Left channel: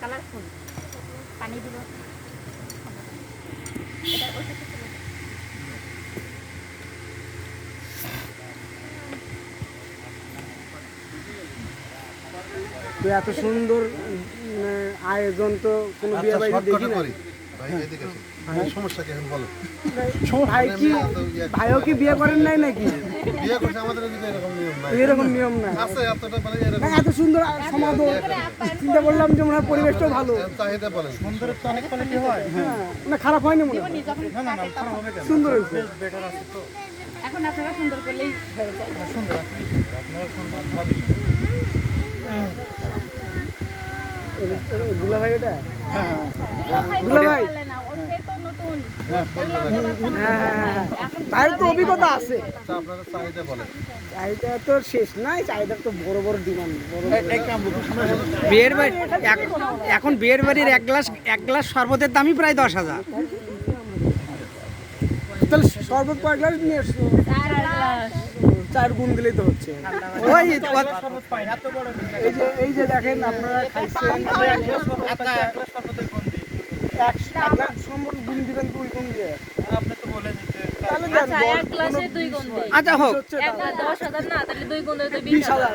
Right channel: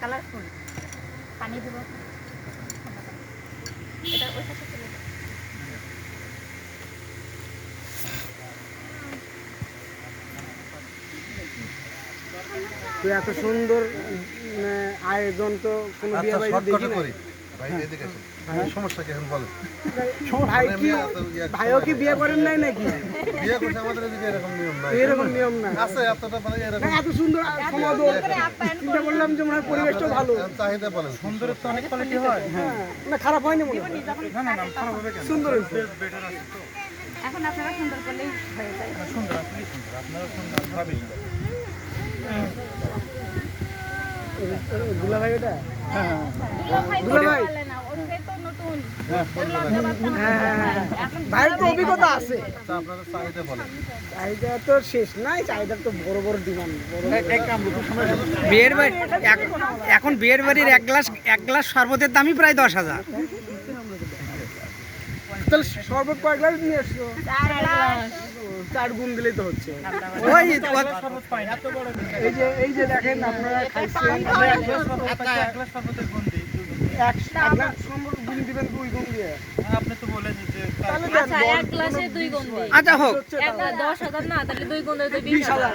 Colourful পানি দিব এটা ওই সাথে চলে তো এত সুন্দর আয়োজন তো কোনো বিয়ে বাড়িতে দেখি না। ভাই এদিকে আসুন সমস্যা কি এখন বলেন ভাইও কি বিয়ে করেন নাই নাকি? বিয়ে করছে আমাদের এদিকে এরকম নিয়ম নাই, এরকম নিয়ম না আছে এতটা মানে এরকম এত সুন্দর চিন্তা করলাম যে মনে হয় পরিবেশটা ভালো চাহিদা বলেন সুন্দর তো অনেক কোয়ালিটি হয়। হ্যাঁ মানে খারাপ হয়নি মনে হয় না না খারাপ হবে কেন সুন্দর হয়েছে এখন আপনারা সুন্দর করলেই হয়ে যায় সুন্দর আপনারা সুন্দর ভাবি দুলা ভাই ওটা ভাই তো অভিজ্ঞতা আছে আপনারা চাহিদা বলেন চাহিদা তো শেষ নাই চাহিদা তো বড় বড় ডিমান্ড বিয়ের বাড়ি এখন বিয়ের বাড়ির এক গ্লাস শরবতের দামই প্রায় 10,000। তাহলে শরবত কয়েক গ্লাস নিয়ে আসছো 4 গুণ দিলেই তো হচ্ছে ওই এই যে দেখেন আপনারা খাইছেন গুণ দিবেন 2 গুণ দিয়ে আপনি তো বলেন যে আচ্ছা এক গ্লাসে 2 গুণ দিই আচ্ছা হোক, একবার 10,000 না তাহলে 2 গুণ দিতে 20,000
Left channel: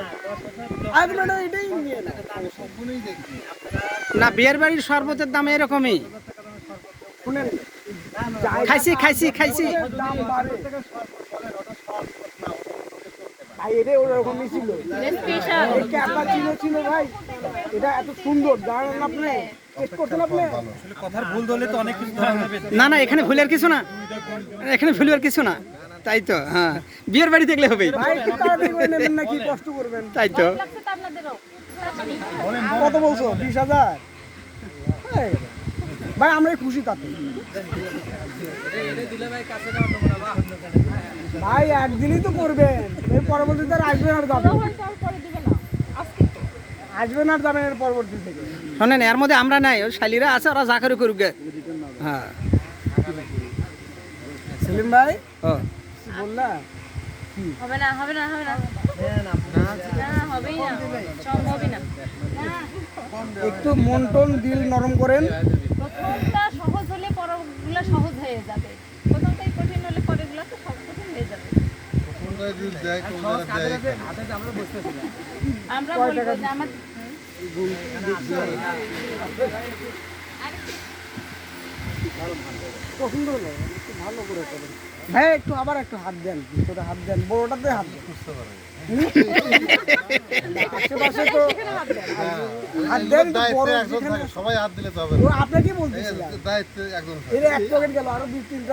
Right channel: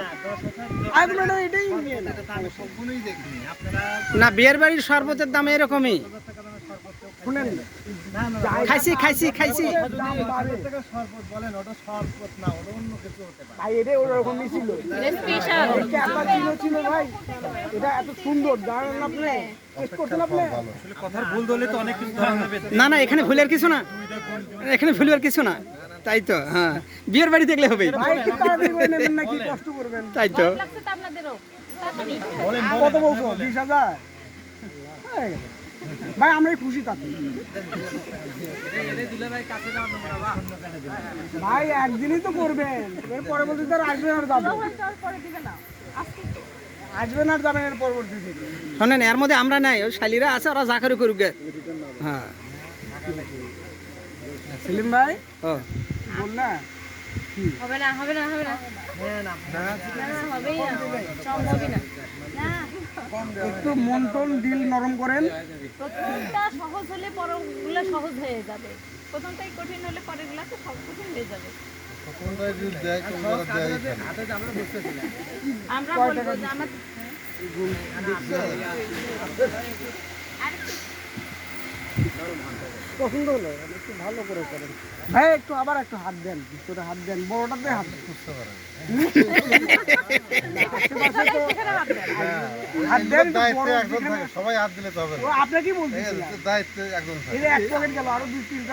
আপনারা এটাই নিয়ে নেন সম্পূর্ণই দেখি আপনারা না বিয়ের বাড়ির শরবতের দাম এরকমই। শুনেন খাইছি খাইছি খাইছি ভাই এটা ওরকম ছিল স্পেশাল ছিল ভাই এটা এত সুন্দর জানেন আপনি টেস্ট করতে আপনি কথার ভুল ধরলে তো অনেক কিছু ধরে নেবে। না না এখানে ভুলের কিছু না, এখানে ভুলের কিছু না, তাই তো হ্যাঁ বিয়ের বাড়ি দেখলে হবেই, ভাই কিভাবে দেখবেন নেবেন নাকি কষ্ট করবেন তাই তো। লাগছে তো আপনাদেরও কত বলছো 20,000 ভাই আমরাই খুশি তাতে ভাই একদিনই তো করবেন এর পরবর্তীতে আর আসবেন আর যাবেন পরে দিবে না আজকে আসবেন আর যাবেন এর পরবর্তী থেকে শোনেন এর মধ্যে আমরা নাই, ওই শালিরা আছে ওরা যা করে করুক গে। হ্যাঁ সেলিম ভাই ও বল না হবে না হবে না হবে না হবেই না সম্ভবই না একটু মন টন দিল নরম করেন প্রথমটা সহজ হলে পরগুলো সহজ হয়ে যাবে প্রথমটাই কঠিন হলে পরেরগুলো তো সব কঠিন হয়ে যাবে কোনটা যদি দেয় কোনটা দেয় আমরা বলবো যে আমার পছন্দ হলো একটু ভালো করে করেন ভাই একটু আবার একটু হাত দেন ভিতরে হাত দেন বড়টাতে হাত দেন বুঝতে পারেন আশেপাশে তো হাত দেন একটু দায়িত্বে বড় একজন থাকে, সবাই হাত দিলে তো হবে না। আপনাকে ঠিক বলতেছি আছে, দায়িত্বে একজন থাকে। এর এক পকেট গেল আরো 2-3টা